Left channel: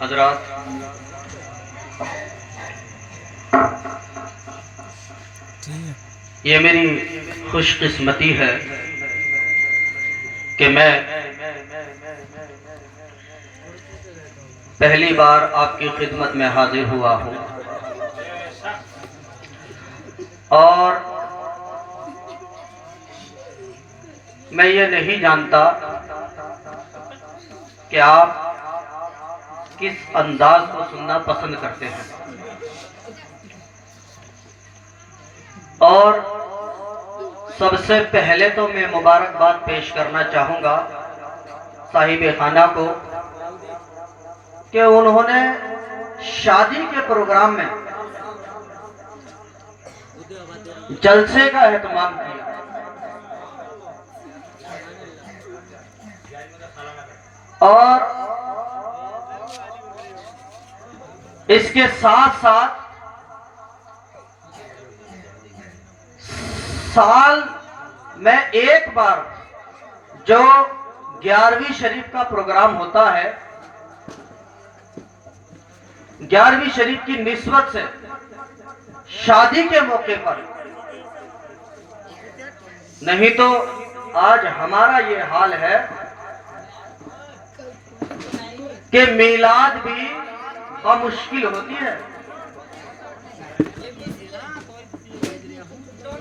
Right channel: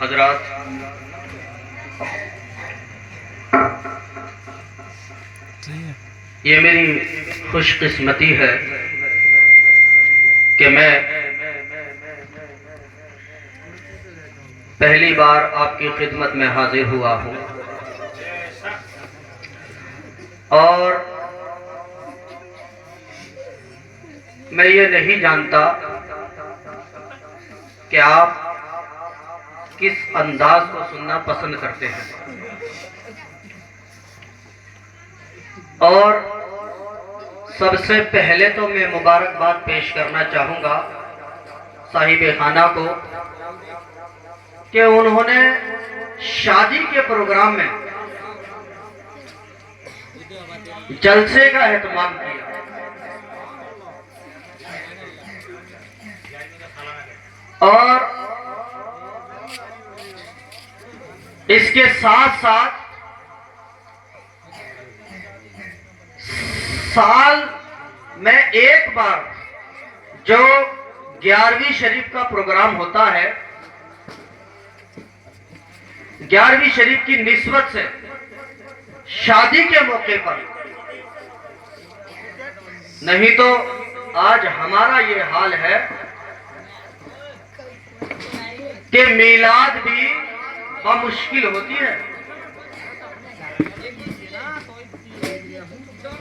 حضرات، یہ میری خوش قسمتی ہے کہ میں پہلی بار آپ کی خدمت میں حاضر ہوا ہوں، اور میں یہ نہیں جانتا کہ آپ کس انداز کو سننا پسند کرتے ہیں، اور سب سے پہلے تو میں مبارکباد پیش کرنا چاہوں گا صاحب خانہ کو کہ انہوں نے شادی کے پروگرام میں جلسے کا اہتمام کیا، اور اس کے ساتھ ساتھ سال میں ایک بار جو 11ویں شریف کا پروگرام ہوتا ہے، 11ویں شریف کی نسبت سے شادی کے موقع پر، نہیں تو آج ہمارا یہ حال ہے کہ میلاد بھی بمشکل ہوتی ہے،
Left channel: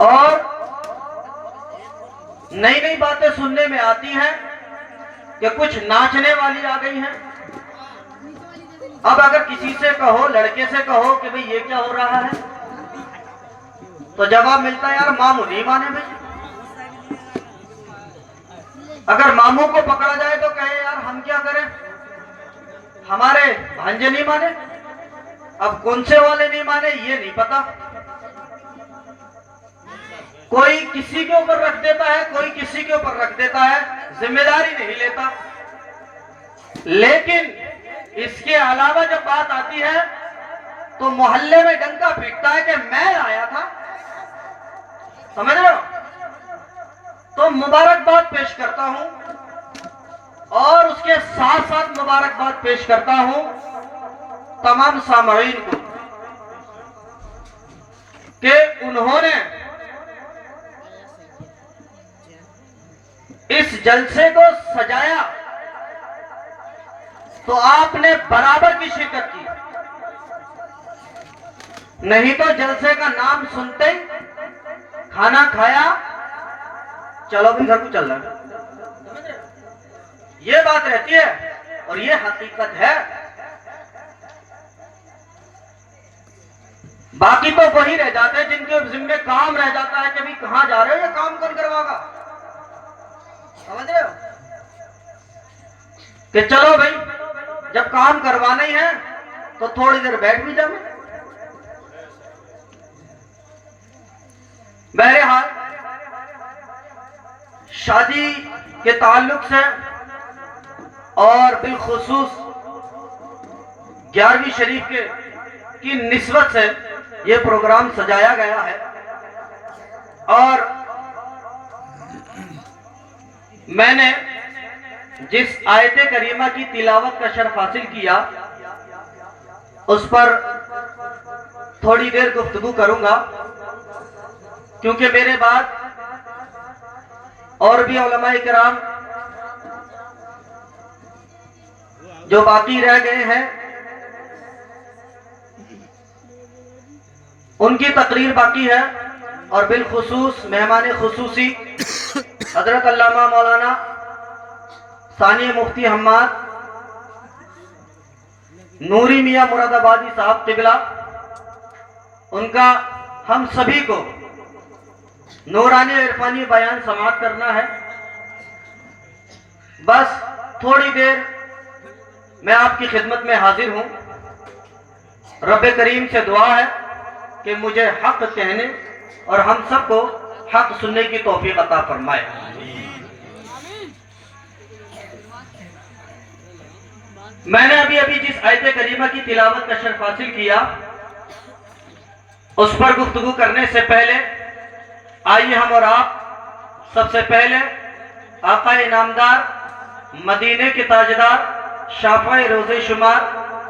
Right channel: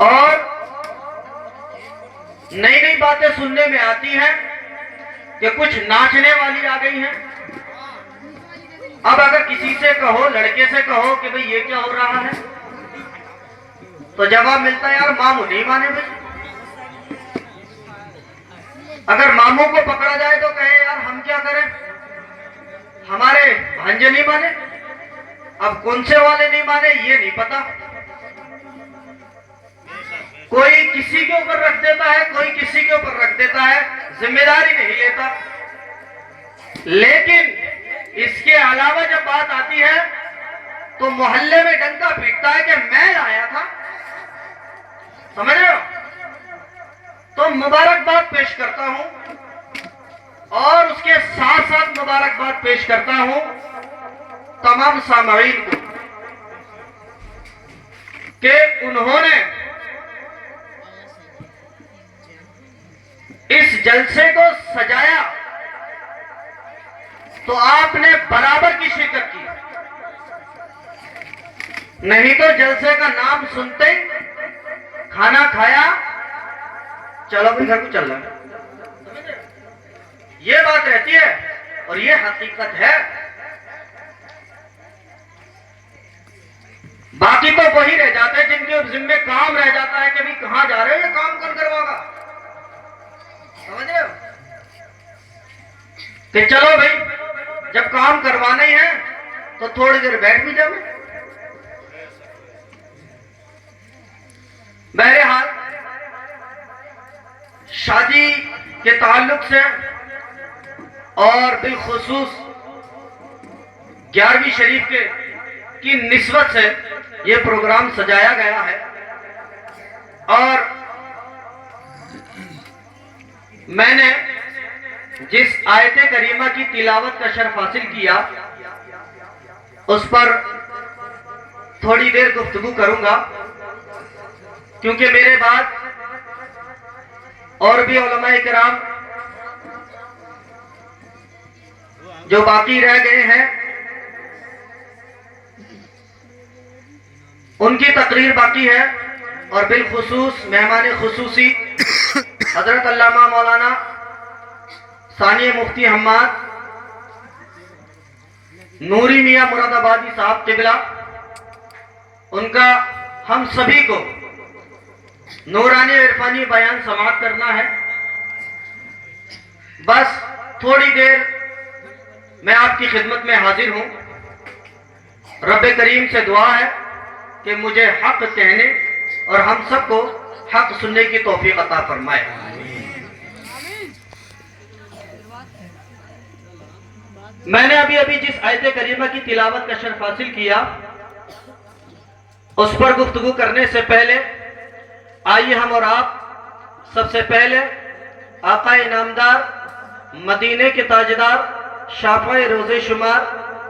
اور نئی نئی باتیں سننے میں آتی ہیں کہ کچھ ناچنے والی آ گئی ہیں۔ اب اگر کسی سے کہو، لڑکے سے کہو کہ بھئی یہ کیا ہو رہا ہے، تو جواب ملتا ہے یار ماموں نہیں مانے بھئی۔ اگر ماموں کو پکڑا جائے تو کہے یار ہم کیا کریں، ہمارے بھانجے نہیں مانے۔ اب کون سے والے نہیں مانے یہ نہیں پتا، کوئی کسی کے اوپر رکھ دیتا ہے، کوئی کسی کے اوپر رکھ دیتا ہے، ذمہ داری نہیں لیتا۔ لیکن اس کے علاوہ جب بات آتی ہے تو محلے میں ڈنکا پیٹتا ہے کہ میں لایا تھا، سمجھ رہے ہو؟ تو مبارکباد پیش کرتا ہوں، اور اس کے ساتھ ساتھ مبارکباد پیش کرتا ہوں تمام سامعین کو کہ انہوں نے اس جلسے کو سجایا، تو آپ نے برابر کی شرکت کی، نہیں تو جلسے کا نام سنتے ہی کھانا کھایا چلو بھی گھر کو چل رہا ہے، یہ بات رہتی ہے اور یہ حقیقت ہے۔ باقی تو وہی رہ جاتے ہیں جن کے ذمہ کام رہ جاتا ہے کہ بھی کہاں جا رہے ہیں، یہ کام کون کروا گا، سمجھ رہے ہو؟ کہ چلو بھائی جب کام کروانا ہی ہے تو تھوڑی دیر بیٹھ بھی جاؤ۔ بہرحال شادی کے تعلق سے اور بالخصوص 11ویں شریف کی نسبت سے یہ پروگرام سجایا گیا ہے، اور میں نے جس آیت کریمہ کی تلاوت کا شرف حاصل کیا اس پر تھوڑی دیر گفتگو کروں گا، کیونکہ میرے بعد اور بھی علماء کرام جو باقی رہ گئے ہیں ان کی تقریر باقی ہے، اور بالخصوص مہمان خصوصی حضرت علامہ مولانا ثانی مفتی حماد نوری میاں مراد آبادی صاحب قبلہ، ان کا ہم سبھی کو نورانی عرفانی بیان سماعت کرنا ہے۔ بس تھوڑی دیر میں آپ کی خدمت میں حاضر ہوں، رب کریم سے دعا ہے کہ مجھے حق کہنے اور ہم سب کو حق سننے کی توفیق عطا فرمائے۔ میں نے ابھی جس آیت کریمہ کی تلاوت کا شرف حاصل کیا اس پر گفتگو کرنے سے پہلے آئیے ہم اور آپ سب سے پہلے آقا نامدار، مدینے کے تاجدار، شافع روز شمار،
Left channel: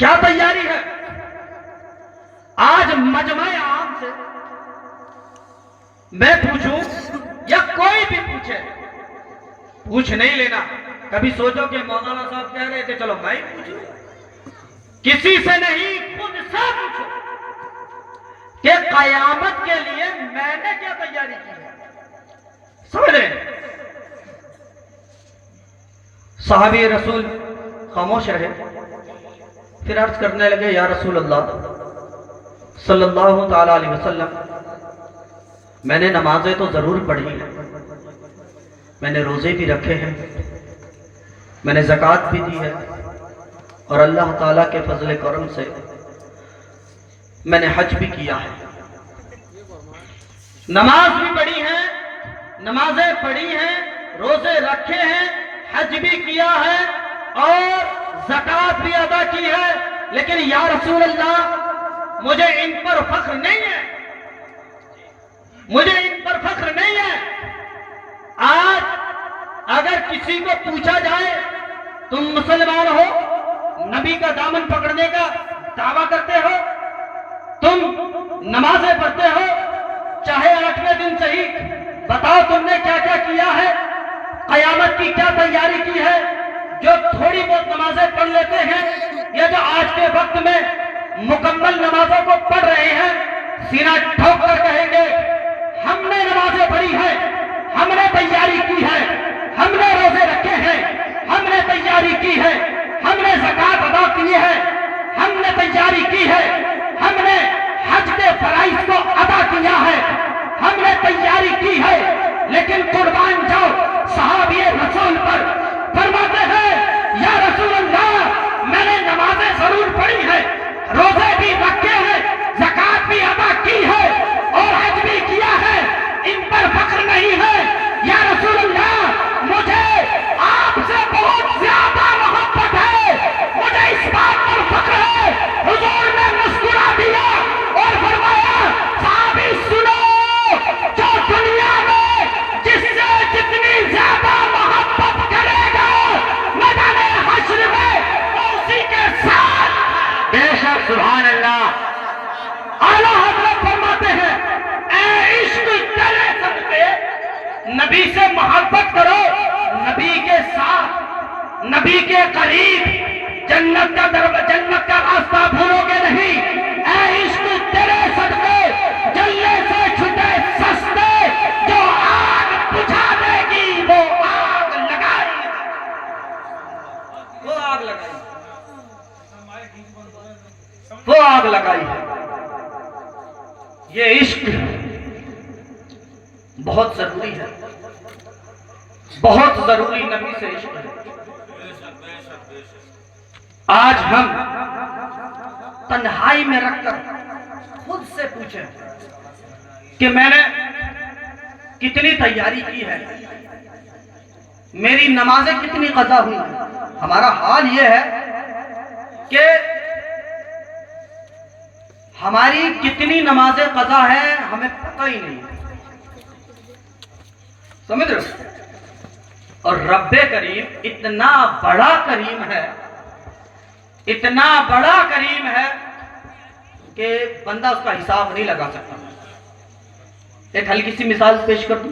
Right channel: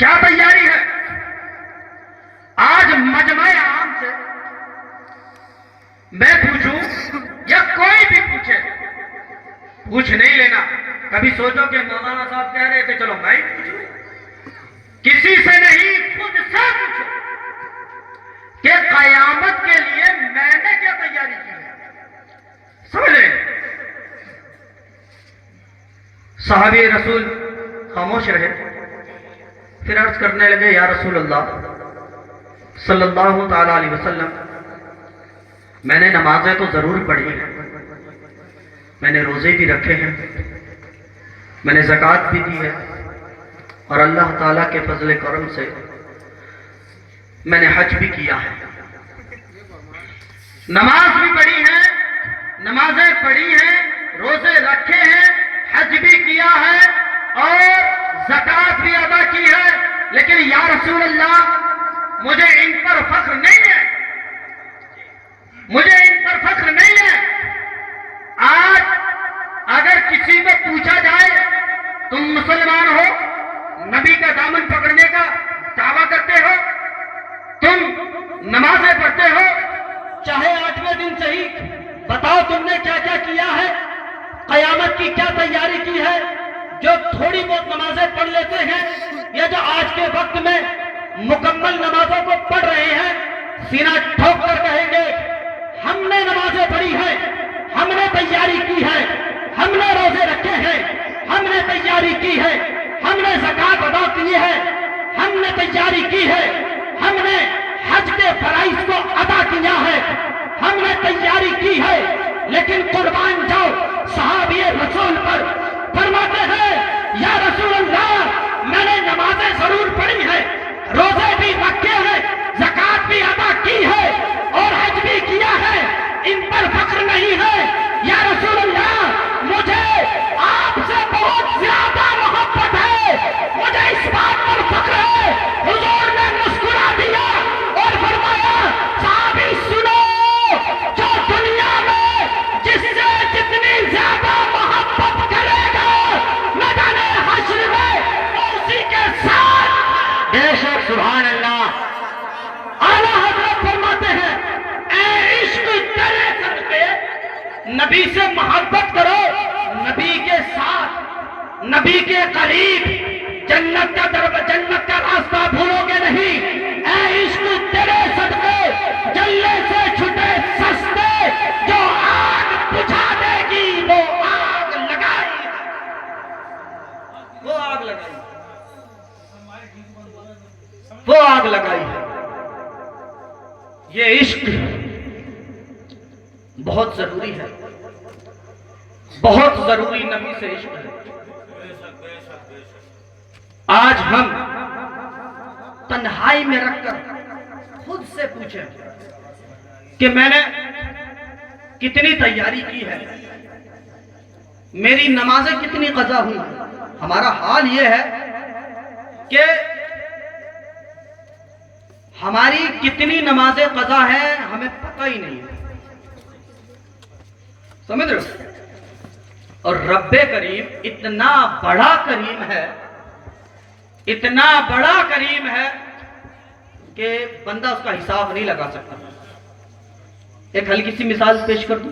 کیا تیاری ہے؟ آج مجمع عام سے میں پوچھوں یا کوئی بھی پوچھے، پوچھ نہیں لینا. کبھی سوچو کہ مولانا صاحب کہہ رہے تھے چلو میں ہی پوچھوں. کسی سے نہیں، خود سے پوچھو کہ قیامت کے لیے میں نے کیا تیاری کی ہے. سمجھ لیں. صحابی رسول خاموش رہے، پھر عرض کرنے لگے یا رسول اللہ صلی اللہ تعالی علیہ وسلم، میں نے نمازیں تو ضرور پڑھی ہیں، میں نے روزے بھی رکھے ہیں، میں نے زکوٰۃ بھی دی ہے، اور اللہ تعالیٰ کے فضل کرم سے میں نے حج بھی کیا ہے. نماز بھی پڑھی ہے، نمازیں پڑھی ہیں، روزے رکھے ہیں، حج بھی کیا ہے اور زکوٰۃ بھی ادا کی ہے، لیکن یا رسول اللہ مجھے ان پر فخر نہیں ہے، مجھے ان پر فخر نہیں ہے. آج اگر کسی کو پوچھا جائے تم مسلمان ہو، نبی کا دامن پکڑنے کا دعویٰ کرتے ہو، تم نمازیں پڑھتے ہو، چاہے 8ویں دن صحیح، بتاؤ تم نے کیا کیا کیا ہے، قیامت کی کیا تیاری کی ہے. جو تھوڑی بہت نمازیں پڑھ لیتے ہیں، یہ جو آج کے وقت میں مکمل نمازوں کو پڑھ رہے ہیں، سینہ ٹھوک کر کہیں گے ہم نے نمازیں پڑھی ہیں، ہم نے تیاری کی ہے، ہم نے روزے رکھے ہیں، ہم نے تیاری کی ہے، ہم نے زکوٰۃ ادا کی ہے، ہم نے تیاری کی ہے، ہم نے حج کے فرائض کو ادا کیا ہے، ہم نے تیاری کی ہے. لیکن قربان جاؤ صحابی رسول پر، فرماتے ہیں یا رسول اللہ میں نے نمازیں ضرور پڑھی ہیں، روزے بھی رکھے ہیں، زکوٰۃ بھی ادا کی ہے اور حج بھی کیا ہے، ان پر فخر نہیں ہے. یا رسول اللہ مجھے آپ سے بہت زیادہ محبت ہے، مجھے اس بات پر فخر ہے. حضور نے مسکرا دیا اور فرمایا صحابی سنو، جو دنیا میں جس سے جتنی زیادہ محبت کرے گا میدان حشر میں اسی کے ساتھ. بے شک سبحان اللہ. اعلیٰ حضرت فرماتے ہیں اے عشق تیرے صدقے نبی سے محبت کرو، نبی کے ساتھ، نبی کے قریب، جنت کا راستہ بھولو گے نہیں. اے عشق تیرے صدقے جلنے سے چھٹے سستے، جو آگ بجھا دے گی وہ آگ لگائی، وہ آگ لگائی، وہ آگ لگائی ہے. یہ عشق بہت ضروری ہے، بہت ضروری نبی سے عشق ہے. آج ہم تنہائی میں رکھ کر خود سے پوچھیں کہ میں نے کتنی تیاری کی ہے، میری نمازیں کتنی قضا ہوئی. ہمارا حال یہ ہے کہ ہماری کتنی نمازیں قضا ہیں ہمیں پتہ ہی نہیں، سمجھ رہے. اور رب کریم اتنا بڑا کریم ہے، اتنا بڑا کریم ہے کہ بندہ اس کا حساب نہیں لگا سکتا. ایک ہلکی سی مثال پیش کر دوں.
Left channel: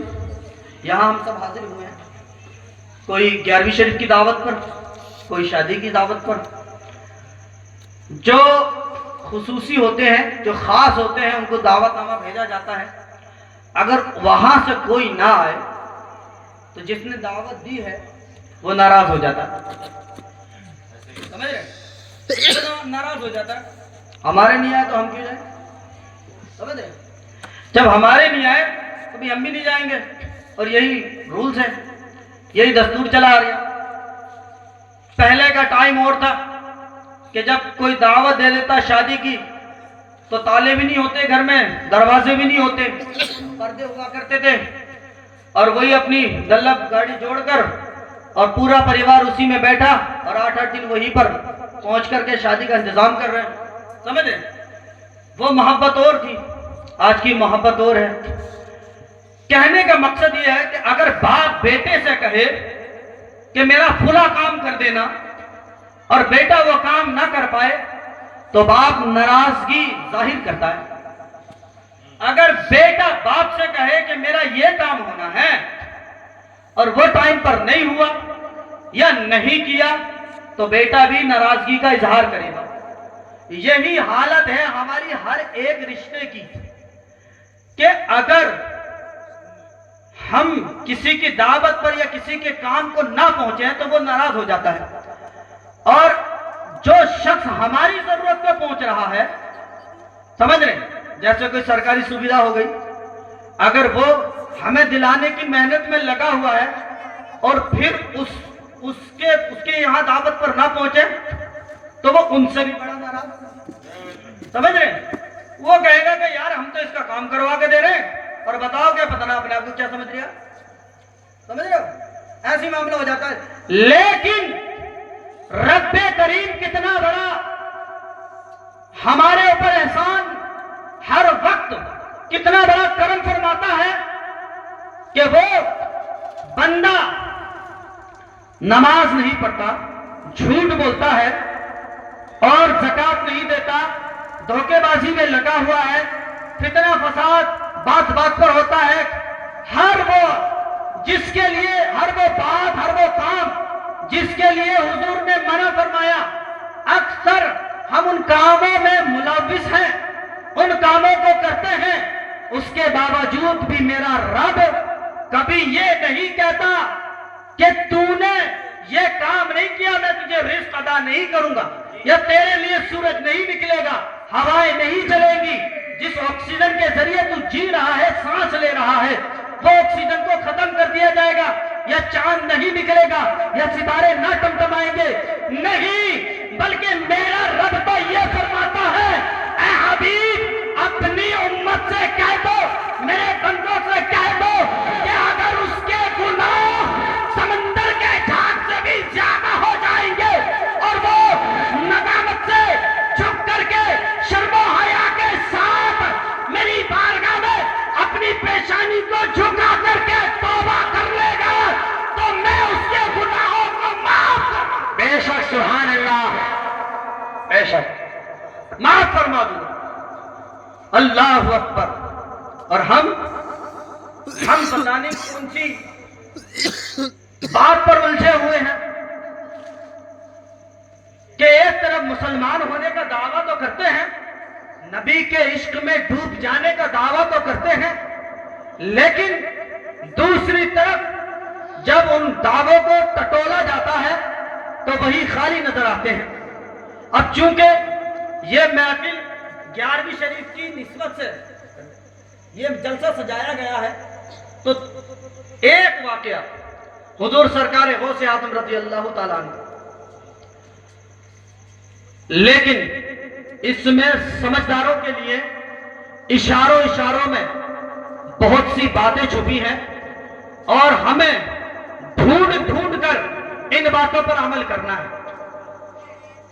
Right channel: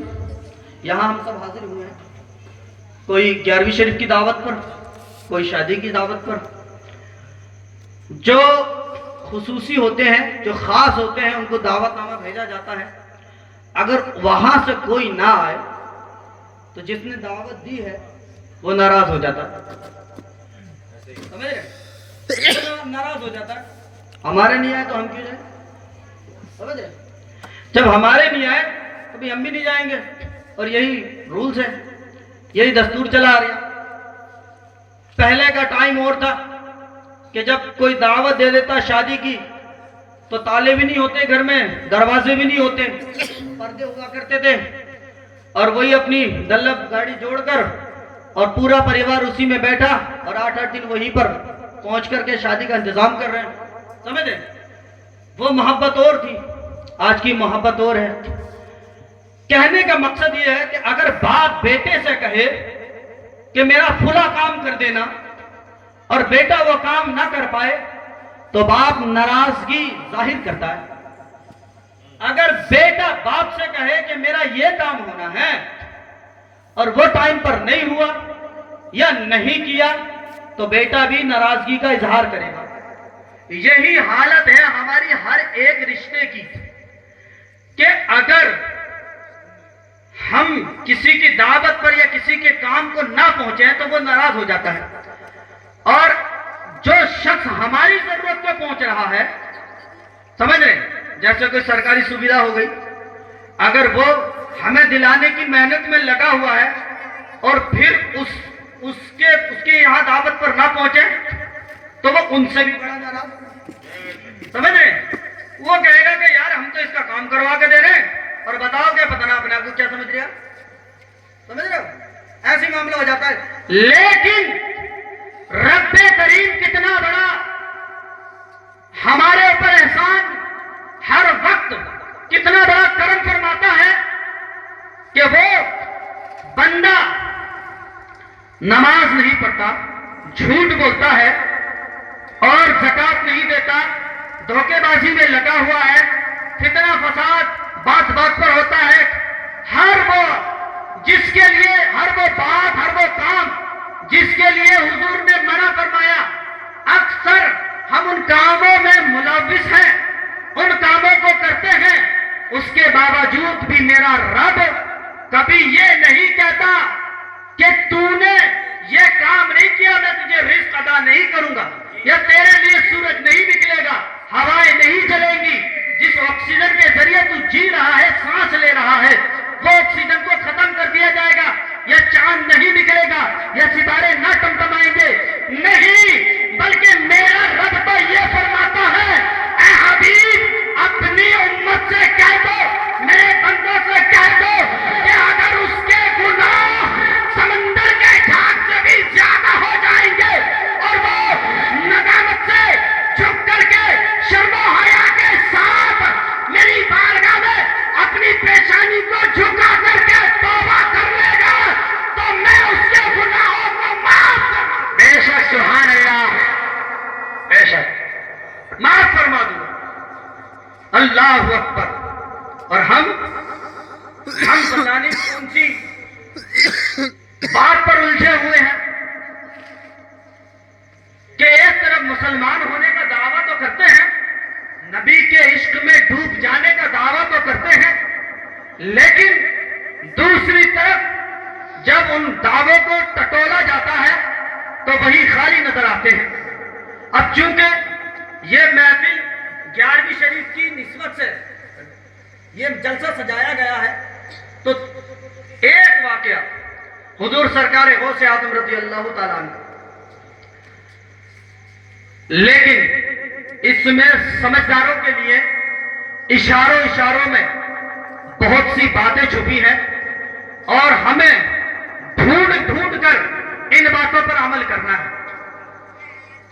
یہاں ہم سب حاضر ہوئے ہیں، کوئی 11ویں شریف کی دعوت پر، کوئی شادی کی دعوت پر. جو خصوصی ہوتے ہیں، جو خاص ہوتے ہیں، ان کو دعوت نامہ بھیجا جاتا ہے. اگر وہاں سے کوئی نہ آئے تو جس نے دعوت دی ہے وہ ناراض ہو جاتا ہے، سمجھ رہے؟ ناراض ہو جاتا ہے. ہمارے نہیں آئے تو ہم کیوں جائیں، سمجھ رہے؟ جب ہمارے نہیں آئے تو بھی ہم بھی نہیں جائیں گے. اور یہی رولز ہے، یہی دستور چلا آ رہا ہے. پہلے کا ٹائم اور تھا کہ جب کوئی دعوت دے دیتا شادی کی تو تالے بھی نہیں ہوتے گھر میں، دروازے بھی نہیں ہوتے، پردے ہوا کرتے تھے، اور وہی اپنی دلب گاڑی جوڑ کر اور پورا پریوار اسی میں بیٹھا اور 8-8 دن وہیں پر پہنچ کر کے شادی کا انتظام کر رہے ہیں. سمجھے؟ وہ محبت اور تھی، آج کی محبت اور ہے. کہنے کا مقصد یہ ہے کہ اگر باپ بیٹے سے کہے کہ میرا فلاں کام کر دینا اور بیٹا وہ کام نہ کر پائے تو باپ ناراضگی ظاہر کرتا ہے۔ اگر بیٹا باپ سے کہے کہ میرا یہ کام ہونا ہے اور وہ ٹائم پر نہیں ہوا یا نہیں کیا تو بیٹا بھی ناراضگی کا اظہار کرے گا۔ یہی حالت ہے ہماری ہر ایک رشتے کی کہ اگر ہم کسی کی دعوت پر یا کسی کے کام کو نہ پہنچے تو وہ ناراض ہو جاتا ہے، اور جو شخص ہماری ضرورت کو پہنچ رہا ہے، سمجھ رہے ہیں، جیسے کوئی سرکاری سویدھا ہو گئی، اگر وہ ہمیں دلانے کی محنت میں لگا ہوا ہے اور پھر اس کے یہاں دعوت پر نہ پہنچے تو وہ ان سے بھی بڑا ناراض، سمجھ رہے ہیں، وہ کہے گا کہ یار ہم تو اس کا کام کروا کے دے رہے ہیں اور بتاؤ کیا پتہ نہ اپنے آپ کو کیا سمجھ رہا، سمجھ رہے ہو، ایسی معاملہ ہو جاتا ہے۔ لیکن رب کریم کتنا بڑا ہمارے اوپر احسان ہر وقت کتنا بڑا کرم فرماتا ہے کہ وہ بندہ نماز نہیں پڑھتا، جھوٹ بولتا ہے اور زکات نہیں دیتا، دھوکے بازی میں لگا ہوا ہے، فتنہ فساد بات بات پر ہوتا ہے، ہر وہ جس کے لیے، ہر وہ بات، ہر وہ کام جس کے لیے حضور نے منع فرمایا، اکثر ہم ان کاموں میں ملوث ہیں، ان کاموں کو کرتے ہیں، اس کے باوجود بھی میرا رب کبھی یہ نہیں کہتا کہ تو نے یہ کام نہیں کیا میں تجھے رزق ادا نہیں کروں گا، یا تیرے لیے سورج نہیں نکلے گا، ہوائیں نہیں چلیں گی، جس آکسیجن کے ذریعے تو جی رہا ہے، سانس لے رہا ہے، وہ آکسیجن کو ختم کر دیا جائے گا، یا چاند نہیں نکلے گا، یا ستارے نہ ٹمٹمائیں گے، نہیں، بلکہ میرا رب تو یہ فرماتا ہے، اے حبیب اپنی امت سے کہہ دو، میرے بندوں سے کہہ دو کہ اگر اس کے گناہ سمندر کے جھاگ سے بھی زیادہ ہو جائیں گے اور وہ ندامت سے جھک کر کے شرم و حیا کے ساتھ میری بارگاہ میں اپنی پیشانی کو جھکا کر کے توبہ کر لے گا تو میں اس کے گناہوں کو معاف کر دوں گا۔ بے شک، سبحان اللہ، بے شک معاف فرما دوں گا، اللہ اکبر۔ اور ہم پتہ نہیں کون سی بات پر الجھے ہوئے ہیں کہ ایک طرف مسلمان ہونے کا دعویٰ تو کرتے ہیں، نبی کے عشق میں ڈوب جانے کا دعویٰ تو کرتے ہیں، لیکن دوسری طرف جب ان دعووں کو ٹٹولا جاتا ہے تو وہی خالی نظر آتے ہیں۔ اب چونکہ یہ محفل 11ویں شریف کی نسبت سے یہ جلسہ سجایا گیا ہے تو ایک واقعہ حضور سرکار غوث اعظم رضی اللہ تعالیٰ عنہ، لیکن اس میں سمجھداروں کے لیے اشاروں میں بہت سی باتیں چھپی ہیں اور ہمیں ڈھونڈ کر ان باتوں پر عمل کرنا ہے۔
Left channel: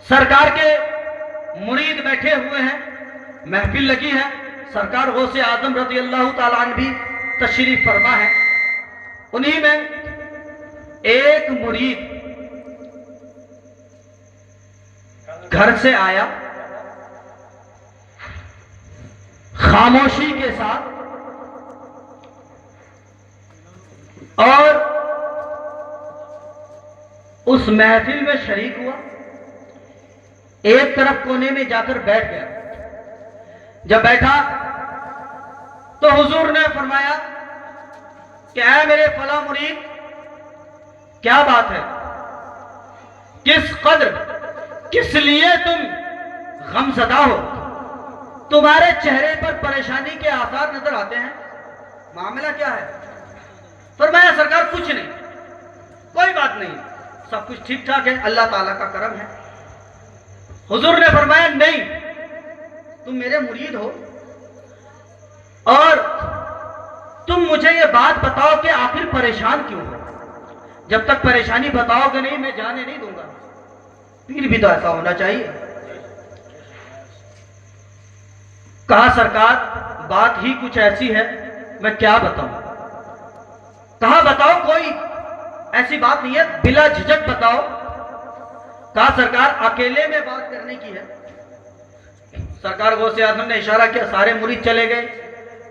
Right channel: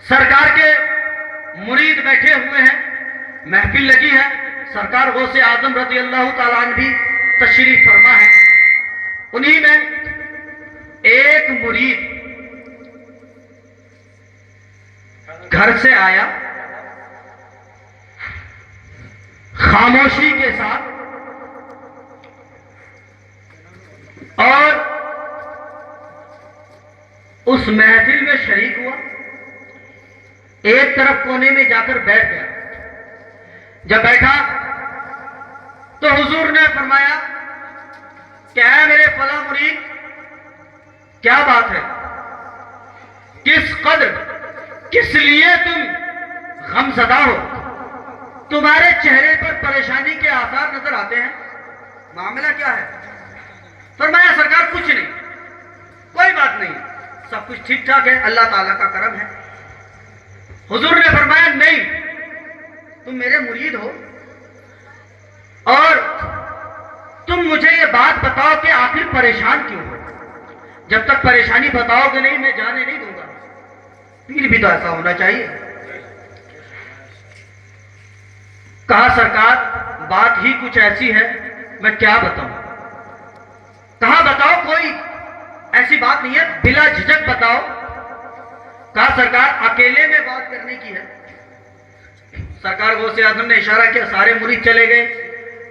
سرکار کے مرید بیٹھے ہوئے ہیں، محفل لگی ہے، سرکار غوث اعظم رضی اللہ تعالیٰ عنہ بھی تشریف فرما ہے، انہی میں ایک مرید گھر سے آیا، خاموشی کے ساتھ، اور اس محفل میں شریک ہوا، ایک طرف کونے میں جا کر بیٹھ گیا۔ جب بیٹھا تو حضور نے فرمایا کہ اے میرے فلاں مرید، کیا بات ہے، کس لیے تم غمزدہ ہو، تمہارے چہرے پر پریشانی کے آثار نظر آتے ہیں، معاملہ کیا ہے؟ فرمایا سرکار کچھ نہیں، کوئی بات نہیں، سب کچھ ٹھیک ٹھاک ہے، اللہ تعالیٰ کا کرم ہے۔ حضور نے فرمایا نہیں، تم میرے مرید ہو اور تم مجھے یہ بات بتاؤ کہ آخر پریشان کیوں ہو، جب تک پریشانی بتاؤ گے نہیں میں جانے نہیں دوں گا، پیر بھی تو ایسا ہونا چاہیے۔ کہا سرکار بات ہی کچھ ایسی ہے، میں کیا بتاؤں؟ کہا بتاؤ، کوئی ایسی بات نہیں ہے، بلا جھجک بتاؤ۔ کہا سرکار اکیلے میں بات کرنے کی ہے۔ سرکار غوث اعظم نے اشارہ کیا، سارے مرید چلے گئے،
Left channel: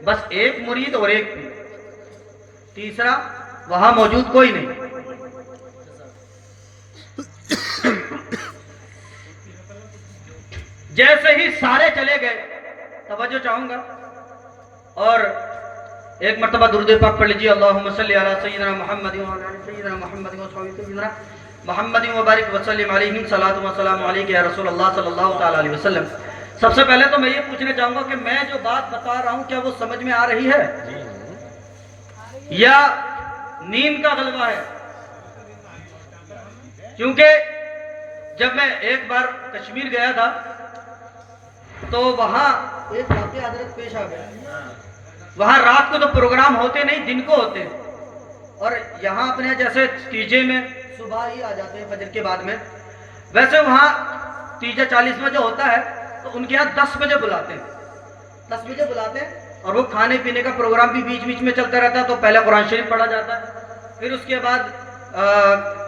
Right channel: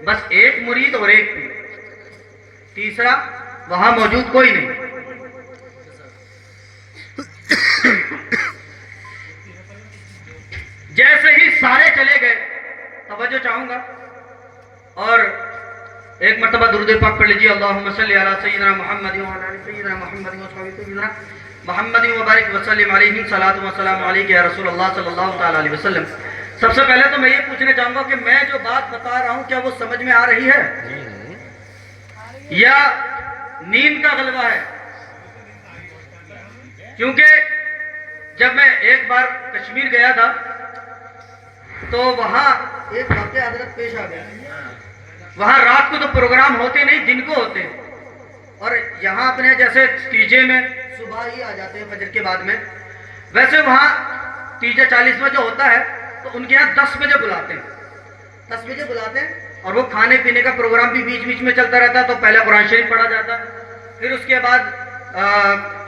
بس ایک مرید اور ایک پیر، تیسرا وہاں موجود کوئی نہیں۔ جیسے ہی سارے چلے گئے، توجہ چاہوں گا اور ایک مرتبہ درود پاک پڑھ لیجیے، اللہم صلی علی سیدنا محمد وعلی سیدنا محمد وصحبہ محمد وبارک وسلم علیہ صلاۃ و سلام علیک یا رسول اللہ صلی اللہ تعالی علیہ وسلم۔ سب سے پہلے تو میں یہ پوچھنا چاہوں گا کہ میں جو بات بتا رہا ہوں کیا وہ سمجھ میں آ رہی ہے یا نیند کا غلبہ ہے؟ کیونکہ جب میں ایک بار کشمیر گیا تھا تو وہاں ایک واقعہ حضرت پیش آ گیا۔ وہاں رات کو تو پروگرام ہوتے نہیں، دن کو ہوتے ہیں، اور یہاں اپنے جیسے تیجے میں صبح ہی آ جاتے ہیں فجر کے بعد میں، ویسے وہاں تیجے 40 میں جو ہوتا ہے تو ان کے یہاں 10 بجے بلاتے ہیں، 10 بجے بلاتے ہیں، اور وہ کھانے پینے کا پروگرام بھی بیچ بیچ میں چلتا رہتا ہے۔ تو پہلے قرآن شریف پڑھا جاتا ہے، پھر اس کے بعد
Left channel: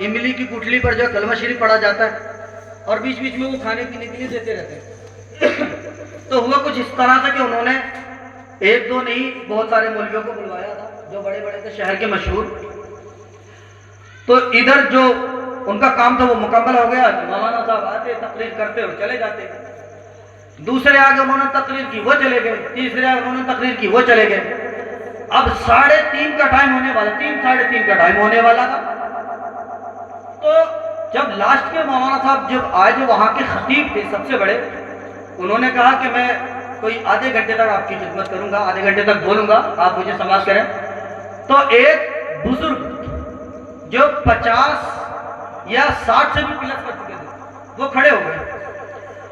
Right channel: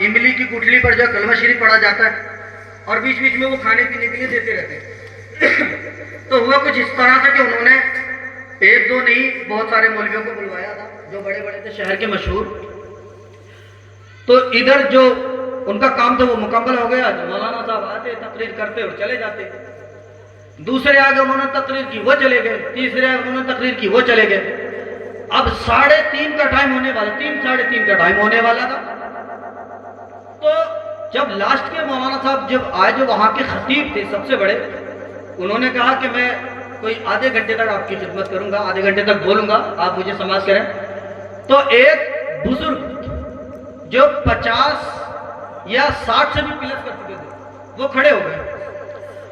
املی کی گٹھلی پر جو کلمہ شریف پڑھا جاتا ہے، اور بیچ بیچ میں وہ کھانے پینے کے لیے دیتے رہتے ہیں۔ تو ہوا کچھ اس طرح تھا کہ انہوں نے ایک دو نہیں بہت سارے مولویوں کو بلوایا تھا جو بڑے بڑے تھے شہر کے مشہور۔ تو ادھر جو ان کا کام تھا وہ مکمل ہو گیا، مولانا صاحب آتے تقریر کرتے اور چلے جاتے، دوسرے آگے انہوں نے تقریر کی وہ چلے گئے، تیسرے آگے انہوں نے تقریر کی وہ چلے گئے۔ اب 3:30 کا ٹائم ہونے والا، 3 ساڑھے 3 کا ٹائم ہونے والا تھا۔ تو جب لاسٹ میں مولانا صاحب جب آئے، جو وہاں کے خطیب تھے سب سے بڑے، انہوں نے کہا کہ میں کوئی آدھے گھنٹے تک آپ کی خدمت کروں گا، آدھے گھنٹے تک بولوں گا، آپ مجھے سماعت کریں۔ تو ایک بزرگ جو 50 یا 60 سے بھی پلس کر چکے تھے وہ کھڑے ہو گئے،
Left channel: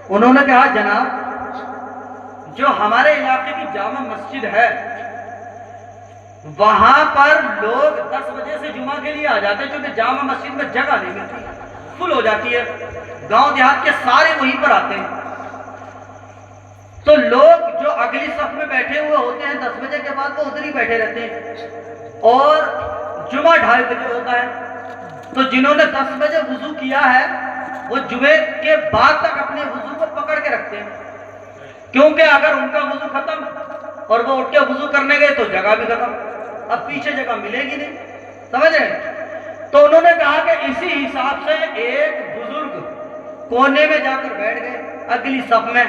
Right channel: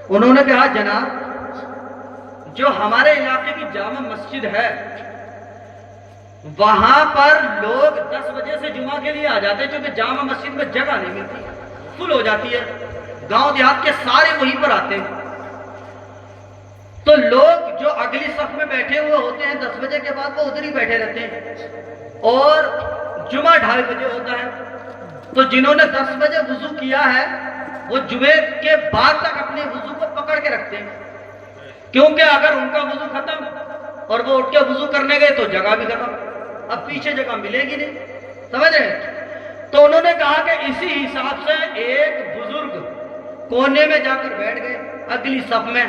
انہوں نے کہا جناب جو ہمارے علاقے کی جامع مسجد ہے وہاں پر لوگ 10 بجے سے جمعہ کے لیے آ جاتے ہیں، کیونکہ جامع مسجد میں جگہ نہیں ملتی، فل ہو جاتی ہے، گاؤں دیہات کے سارے وہیں پر آتے ہیں۔ تو لوگ جو اگلی صف میں بیٹھے ہوئے ہوتے ہیں 10 بجے کے بعد وہ ادھر ہی بیٹھے رہتے ہیں، اور جمعہ 2:30 بجے ہوتا ہے۔ تو جنہوں نے 10 بجے وضو کیا ہے وہ جمعے کے بعد تک اپنے وضو کو پکڑ کے رکھتے ہیں، کیونکہ اگر ان کا وضو ختم اور وہ اٹھ کے وضو کرنے گئے تو جگہ بھی ختم، اب پیچھے جگہ ملے گی نہیں، سمجھ رہے ہیں؟ تو انہوں نے کہا کہ اسی حساب سے ایک بزرگ کونے میں جا کر بیٹھ گئے اگلی صف میں۔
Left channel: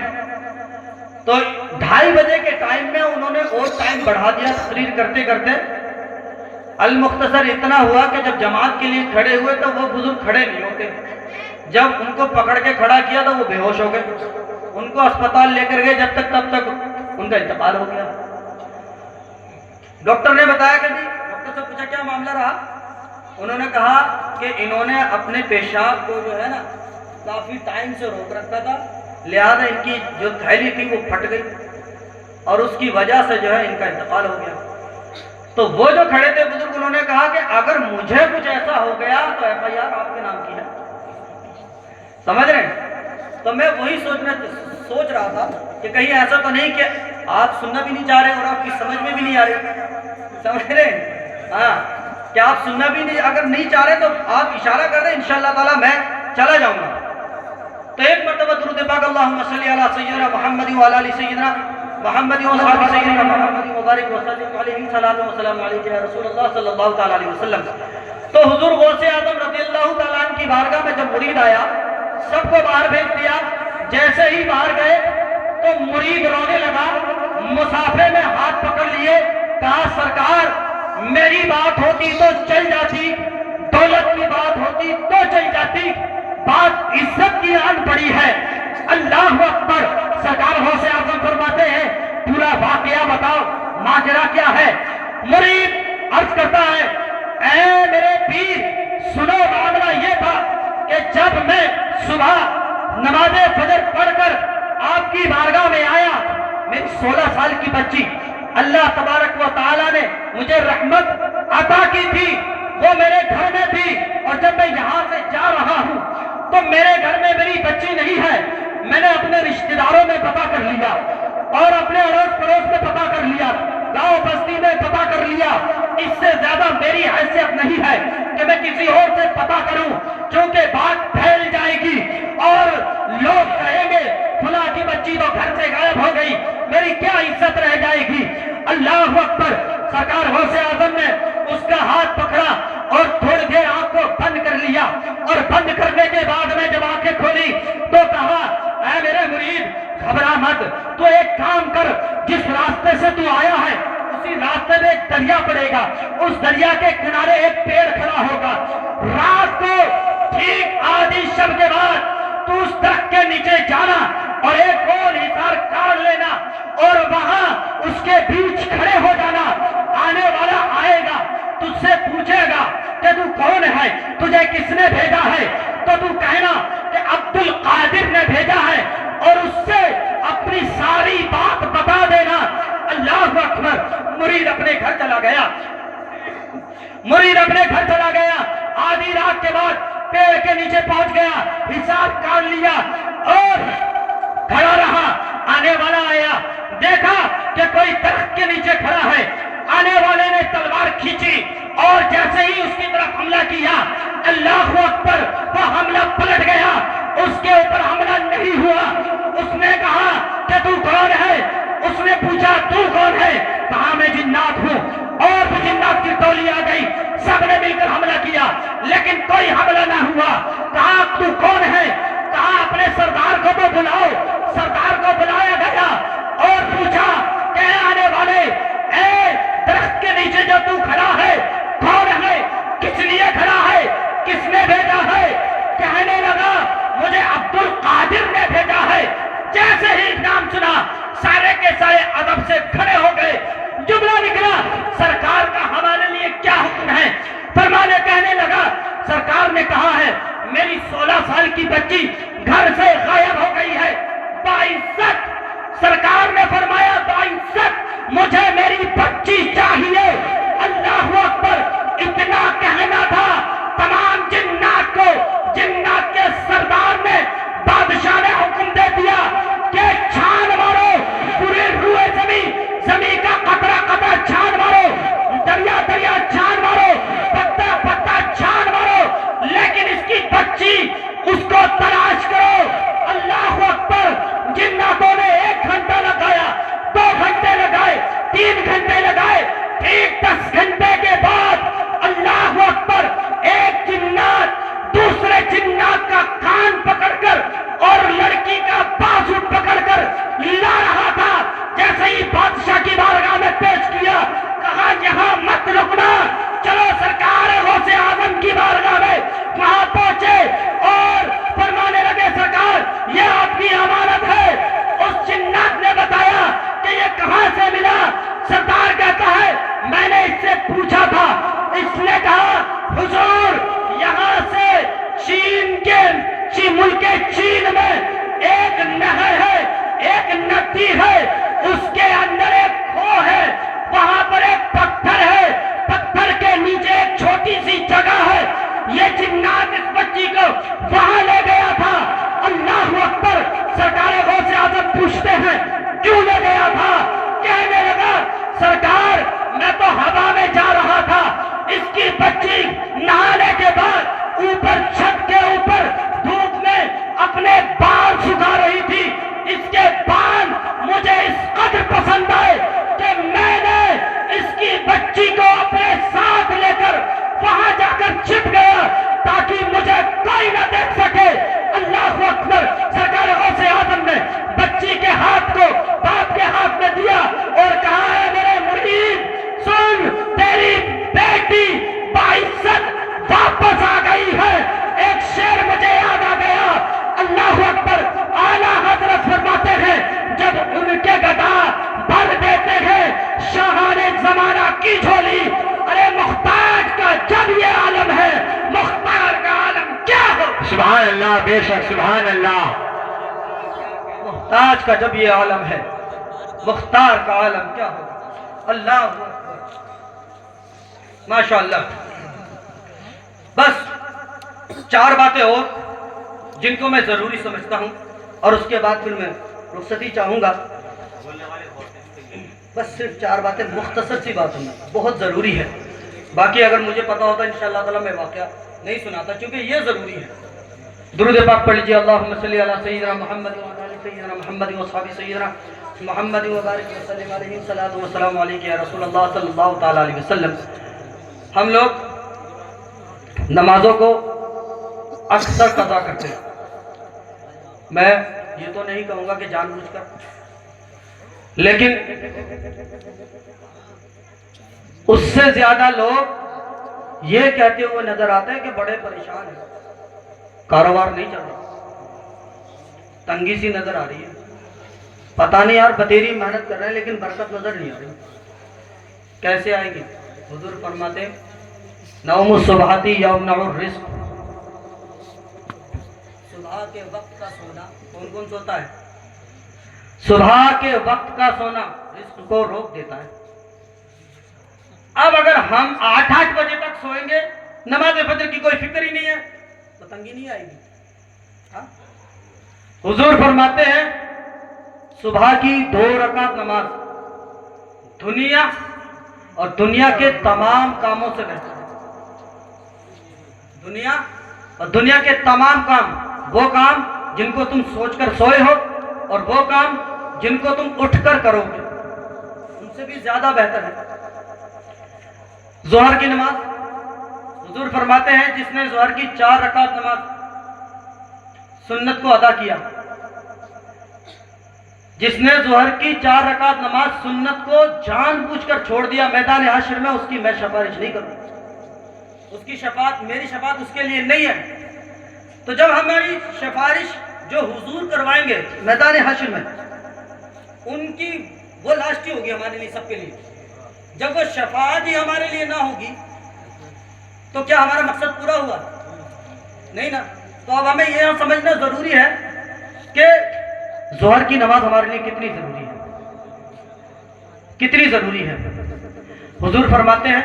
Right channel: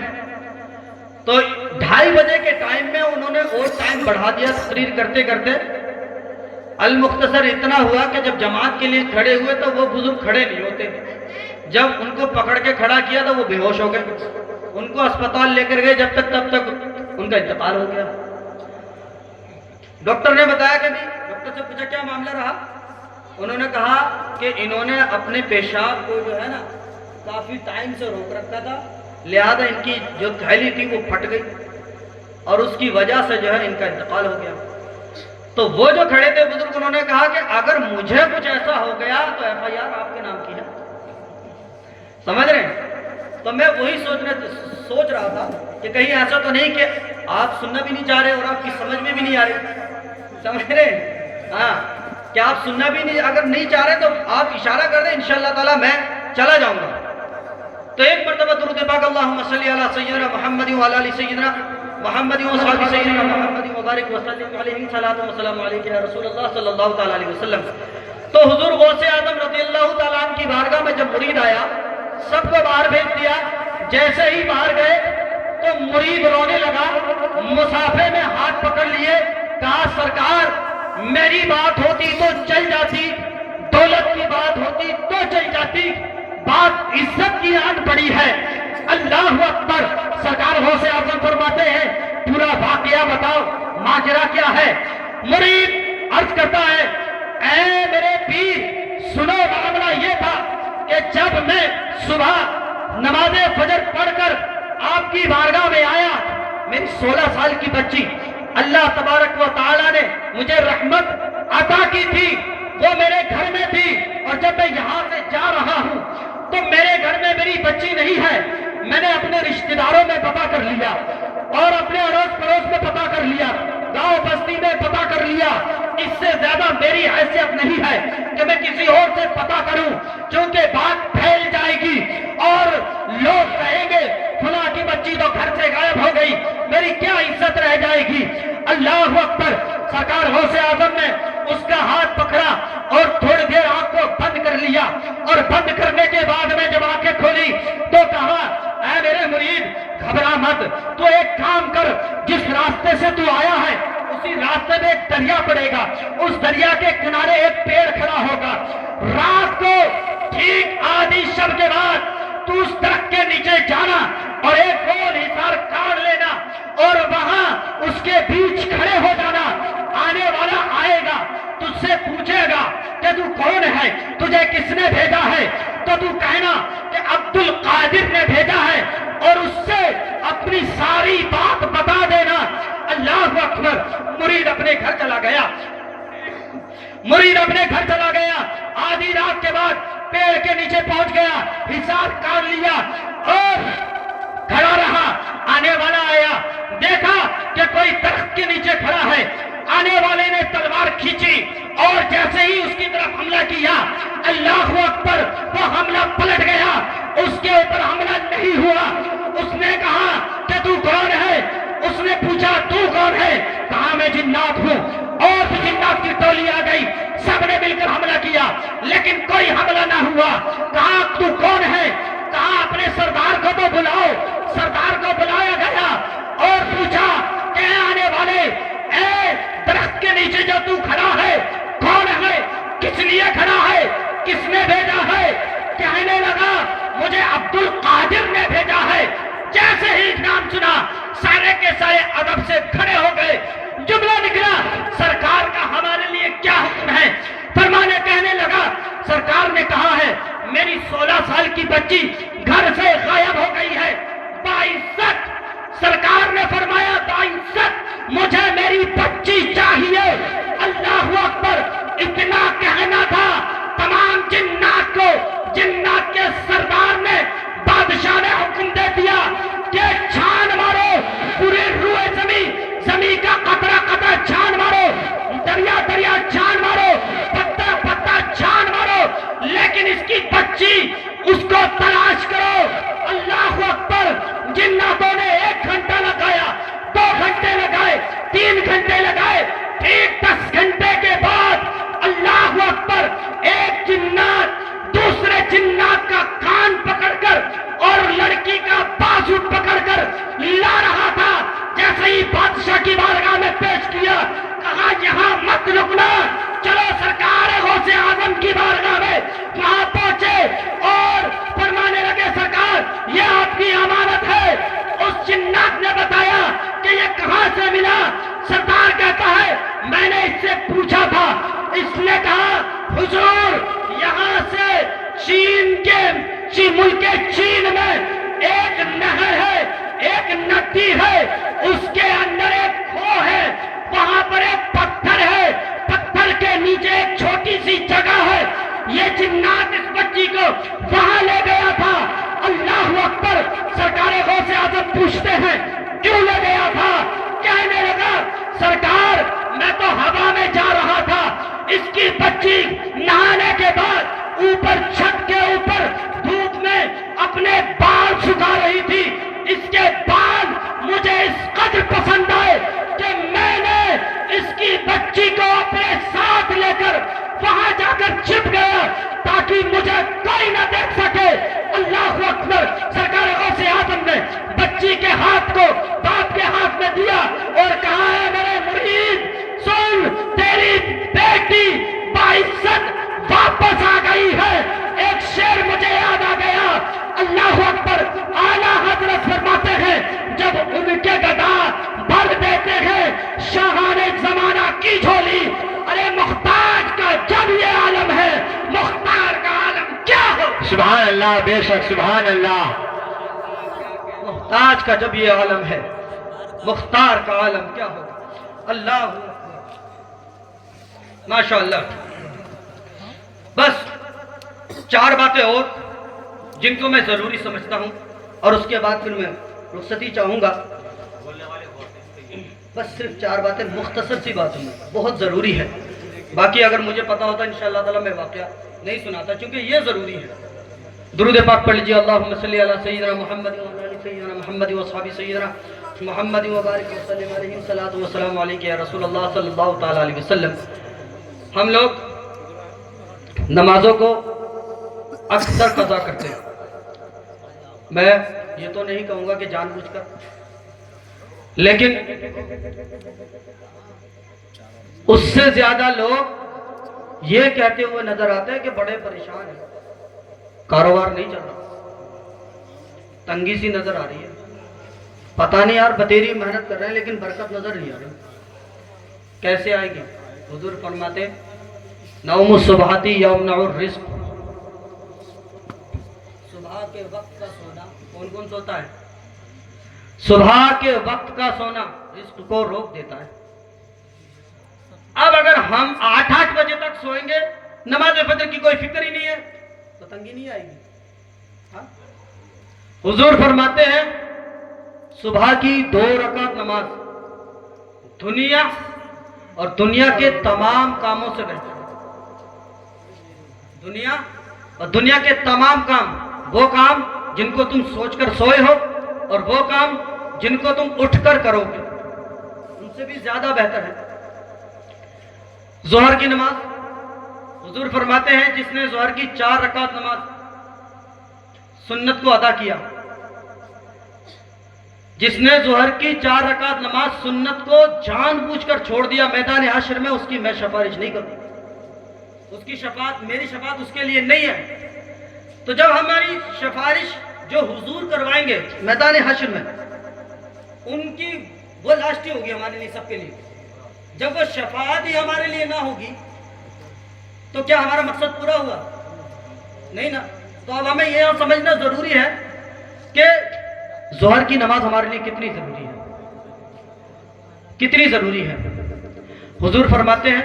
تو 2:30 بجے کے ٹائم میں انہوں نے اور ٹائم بڑھا دیا تقریر کرتے کرتے، المختصر اتنا ہوا کہ جب جماعت کے لیے کھڑے ہوئے تو وہ بزرگ کھڑے نہیں ہوتے، جب ان کو پکڑ کے کھڑا کیا تو وہ بے ہوش ہو گئے، ان کو اسپتال لے کر گئے، جب تک تب تک ان کا انتقال ہو گیا۔ ڈاکٹر نے بتایا کہ ڈاکٹر سے پوچھا کیا معاملہ رہا، انہوں نے کہا کہ انہوں نے اپنے پیشاب کو جو ہے نا کافی ٹائم سے روک رکھا تھا، لہذا ان کی جو تھیلی تھی وہ پھٹ گئی اور اس کی وجہ سے جو ہے ان کا انتقال ہو گیا۔ تو وہ جو کھڑے تھے بزرگ انہوں نے کہا کہ اگر مجھے کچھ ایسا ہو گیا تو FIR آپ کے نام کی ہے، سمجھ رہے ہیں؟ تو میں وہی سوچ رہا تھا کہ کہیں ایسا تو نہیں کہ آپ سننا بھی نہیں چاہ رہے اور آپ کی سمجھ میں بھی نہیں آ رہی، سمجھ رہے ہیں؟ ہاں، کہ آپ سننا بھی نہیں، اگر نہیں چاہ رہے تو آپ اشارہ کر دیں، انشاءاللہ تعالی میں چلا جاؤں گا۔ تو ایک مرتبہ درود پاک اللہم صلی علی سیدنا محمد وعلی آل سیدنا محمد وصحبہ سیدنا محمد وبارک وسلم علیہ صلاۃ و سلام علیک یا رسول اللہ صلی اللہ تعالی علیہ وسلم۔ تو حضور غوث اعظم رضی اللہ تعالیٰ عنہ کی بارگاہ میں جب مرید آیا، سب کو باہر بھیج دیا، جیسے ہی باہر گئے تو مرید رونے لگا، مسافے میں ہاتھ پکڑ لیے، کہا سرکار میری بات ہوتی تو چل جاتی، دولت کی بات ہوتی تو چل جاتی، بات عزت کی آن پڑی ہے، اللہ اکبر۔ سرکار غوث اعظم فرماتے ہیں پورا واقعہ بتاؤ، ماجرا کیا ہے؟ مرید عرض کرتا ہے اے میرے پیر سنو، معاملہ یہ تھا کہ جب میں صبح نماز فجر پڑھ کر آپ کی بارگاہ میں آیا، میری 16 سال کی بچی اللہ تبارک و تعالی نے مجھے رحمت عطا کی تھی، وہ میرے گھر میں تھی، اور جب میں یہاں سے جا رہا ہوں تو میرے گھر میں میری بچی نہیں ہے، میں نے اپنے رشتہ داروں میں پتہ کر لیا اور اپنے اڑوس پڑوس میں پتہ کر لیا، گاؤں بستی میں پتہ کر لیا، اس سے زیادہ میری حیثیت نہیں ہے کہ میں کسی اور سے پتہ کروں، کیونکہ بات پھیل جائے گی اور لوگ کہیں گے فلاں کی بچی تو گھر سے کرنے کے بعد میں جب آنکھیں کھولی تو کہا اے میرے مرید گھبرا مت، تو ایک کام کر، جس راستے سے تو آیا ہے اسی راستے میں ایک دریا پڑے گا، اس دریا کے کنارے ایک پیڑ کھڑا ہوگا، رات کو ٹھیک آدھی شب کے بعد تو اس درخت کے نیچے جانا اور ایک گول حصار کاٹ لینا اور وہاں اس کے بیچ کھڑے ہو جانا، آنے والا آئے گا تجھ سے پوچھے گا کہ تو کون ہے، تجھے کس نے بھیجا ہے، تو تو کہنا کہ عبد القادر نے بھیجا ہے اور اس سے اپنی ساری بات بتا دینا۔ اللہ اکبر۔ مرید اپنے گھر چلا گیا، مرید اپنے گھر چلا گیا، آدھی رات کے بعد پیڑ کے نیچے پہنچ گیا، حساب کاٹ لیا اور کھڑا رہا۔ آنے والا آیا، دیکھا کہ کوئی درخت کے نیچے کھڑا ہے، آنے والے نے تلوار کھینچی اور جیسے ہی اس کی طرف حملہ کیا، اللہ اکبر، وہ حملہ پلٹ گیا، اس کے اوپر حملہ نہیں ہوا۔ اس نے کہا کہ تو کون ہے؟ اس نے پوچھا تو کون ہے؟ کہا میں جنات ہوں، اور بھی جنات کی ٹولی آ گئی، سب نے مل کر حملہ کیا لیکن کوئی حملہ نہ ہوا۔ کہا تو کون ہے؟ کہا اپنے سردار کو تو بلاؤ۔ سردار کو بلایا گیا اور پوچھا کہ آنے والے، اے درخت کے نیچے جو تو کھڑا ہے کون ہے؟ کس لیے کھڑا ہے؟ کس نے بھیجا ہے؟ کہنے لگا مجھے عبد القادر نے بھیجا ہے۔ جیسے ہی نام سنا سارے کے سارے ادب سے کھڑے ہو گئے۔ جملہ نکلا سرکار کا ہمارے لیے کیا حکم ہے؟ فرمانے کہنے لگا سرکار نے کہا ہے میری 16 سال کی بچی گھر سے غائب ہو گئی ہے، باعزت سرکار نے فرمایا باعزت مجھے میری بچی چاہیے۔ اللہ اکبر۔ اتنا کہنا تھا تمام جنات کو، جنات کے سردار نے، بادشاہ نے حکم دے دیا کہ چھان مارو پورے روئے زمین، زمین کا قطرہ قطرہ چھان مارو، دریا دریا چھان مارو، پتا پتا چھان مارو، لیکن اس کی بچی اس کو تلاش کرو۔ اللہ اکبر۔ جناتوں نے 1 گھنٹہ لگایا، 2 گھنٹے لگائے، 3 گھنٹے لگائے، ٹھیک 10 گھنٹے کے بعد اللہ اکبر ایک جنات دوسرے جنات کا کان پکڑ کر اور لڑکی کا بازو پکڑ کر لا رہا تھا۔ جیسے ہی بادشاہ کی بارگاہ میں پیش کیا، کہا یہاں مت رکنا، چلو سرکار غوث اعظم کی بارگاہ میں۔ وہاں پہنچے اور فرمانے لگے سرکار یہ آپ کی امانت ہے۔ اس جنات نے بتایا کہ یہ کہاں سے ملا؟ سردار کہتا ہے میں نے اس سے پوچھا تھا، اس نے کہا حضور یہاں سے چین کے ملک چین میں ایک نہر ہے، ایک ندی ہے، اس کے اندر ایک کھو ہے، وہاں پر ایک پتھر ہے، پتھر کے نیچے ایک چھوٹی سی جگہ ہے۔ یہ جنات اس بچی کو وہاں لے گیا تھا۔ اللہ اکبر۔ سرکار غوث اعظم پوچھتے ہیں کیوں لے گیا تھا؟ کہنے لگا سرکار میں تو ہوا میں جا رہا تھا، اس کی بچی نہانے کے بعد اوپر چھت کے اوپر دھوپ میں اپنے بال سکھا رہی تھی، اس کے بال مجھے اس قدر پسند آئے کہ میں نے اس کی بچی کو اپنے ساتھ لے کر وہاں جا کر چھپ گیا تاکہ مجھے کوئی نہ دیکھ سکے۔ اللہ اکبر۔ سرکار غوث اعظم نے بچی کے ہاتھ کو باپ کے ہاتھ میں دیا اور کہا ہے میرے مرید سن، تیری بیٹی باعزت واپس آ گئی ہے۔ ایک شعر مجھے یاد آ گیا، اللہ اکبر۔ اعلیٰ حضرت فرماتے ہیں جب ان کے گدا بھر دیتے ہیں شاہان زمانہ کی جھولی، ارے محتاج کا جب یہ عالم ہے مختار کا عالم کیا ہو؟ سبحان اللہ، بے شک سبحان اللہ۔ محتاج کا جب یہ عالم ہے مختار کا عالم کیا ہو؟ اللہ ماشاء اللہ۔ بس 4 باتیں اور جن کو میں ضروری سمجھتا ہوں اور اس کے بعد پھر میں رخصتی چاہوں گا۔ بس صرف 4 باتیں مختصر سی باتوں میں بہت ضروری ہے، باقی اگر مجھے پتا ہوتا انشاءاللہ تعالی میں واقعہ نہیں سناتا کیونکہ یہ ضروری ہے۔ درود پاک پڑھ لیجیے، اللہم صلی علی سیدنا محمد وعلی آل سیدنا محمد واصحاب سیدنا محمد وبارک وسلم علیہ الصلوۃ والسلام علیک یا رسول اللہ صلی اللہ تعالی علیہ وسلم۔ ہم لوگ نمازوں کو اکثر قضا کرتے ہیں. میں یہ تو نہیں کہوں گا کہ جان بوجھ کر، لیکن اس سے زیادہ لوگ یہ کہتے ہوئے نظر آتے ہیں کہ بڑے پریشان ہیں، کاروبار نہیں چل رہا، تنگی سی نظر آ رہی ہے، پتہ نہیں یار بتیری محنت کر رہے ہیں لیکن برکت نظر نہیں آ رہی، کیسے آئے گی؟ حضور فرماتے ہیں نوم الصبحاتی یمنع الرزق. صبح کے وقت کا سونا کون کون سوتا ہے؟ صبح کے وقت کا سونا رزق کو روک دیتا ہے. اب اگر ہم 8 بجے تک سوئیں گے، نماز فجر کی کوئی فکر ہی نہیں ہے، تو تنگی نہیں آئے گی. ہاں؟ حضور فرماتے ہیں صبح کی 2 رکعت نماز دنیا اور دنیا کے تمام کاموں سے بہتر ہے. دنیا اور دنیا کے تمام کام، وہ کام جن کو تم سوچ کر سوئے ہو اور وہ کام جن کو تم اٹھ کر کرو گے، ان سے بھی زیادہ بہتر ہے. ظہر کی نماز حضور فرماتے ہیں جس نے ظہر کی 4 رکعت نماز سنت کو ادا کیا، جس نے ظہر کی 4 رکعت نماز سنت کو جان بوجھ کر چھوڑ دیا، میدان حشر میں اس کی میں سفارش نہیں کروں، اس کی شفاعت، میری شفاعت اس کے لیے نہیں ہے. تو جب ہماری سفارش جو حضور کروائیں گے میدان حشر میں، ان کی وہ لاسٹ ہی ہوگی ہمارے لیے، سب کے لیے. جب وہ شفاعت ہی ہمارے لیے نہ ہوگی تو کیا ہمارا مقصد پورا ہوا؟ نہیں نا. تو اب ہمیں یہ سمجھنا ضروری ہے کہ ظہر کی نماز ہمارے لیے کتنی ضروری ہے، کتنی ضروری ہے. حضور فرماتے ہیں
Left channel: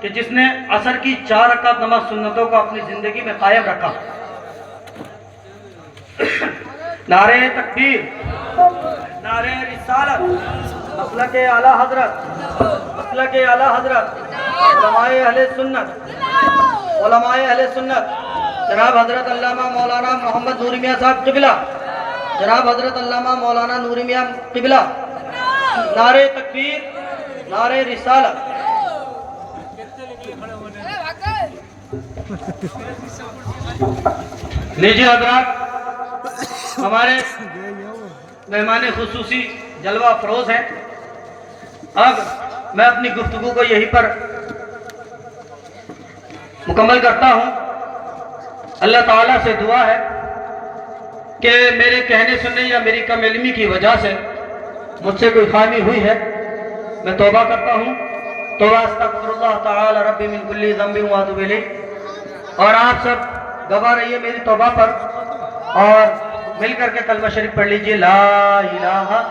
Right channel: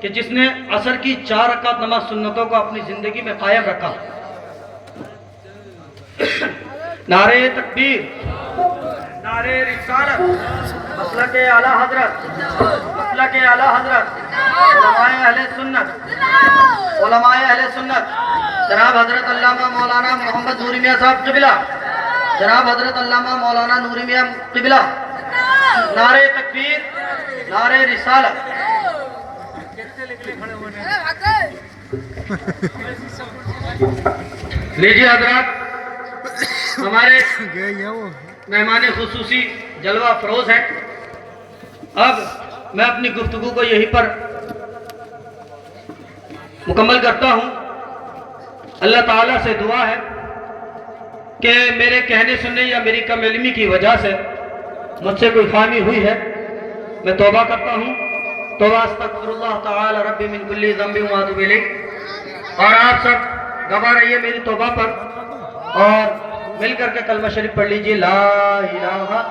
کہ جس نے عصر کی 4 رکعت نماز سنتوں کو اپنی زندگی میں قائم رکھا، نعرہ تکبیر، نعرہ رسالت، مسلک اعلیٰ حضرت، مسلک اعلیٰ حضرت، علماء اہل سنت، علماء اہل سنت، جناب حضرت علامہ مولانا محمد نوری میاں صاحب قبلہ، جناب حضرت علامہ مولانا نوری میاں قبلہ، نعرہ تکبیر، نعرہ رسالت. لیجیے حضرات، ہمارے مہمان خصوصی جلوہ افروز ہیں. اب میں اپنی گفتگو کو یہیں پر مکمل کرتا ہوں. اللہ تعالیٰ سے دعا ہے کہ میرے کہنے سننے یا میری کم علمی کی وجہ سے مجھ سے کوئی خامی ہوئی ہے، میں توبہ کرتا ہوں. توبہ استغفر اللہ تعالی ربی من کل ذنب واتوب الیہ. اور آپ سب گواہ رہیے میری توبہ پر، اور مل کر کے کلمہ شریف پڑھ لیجئے، لا الہ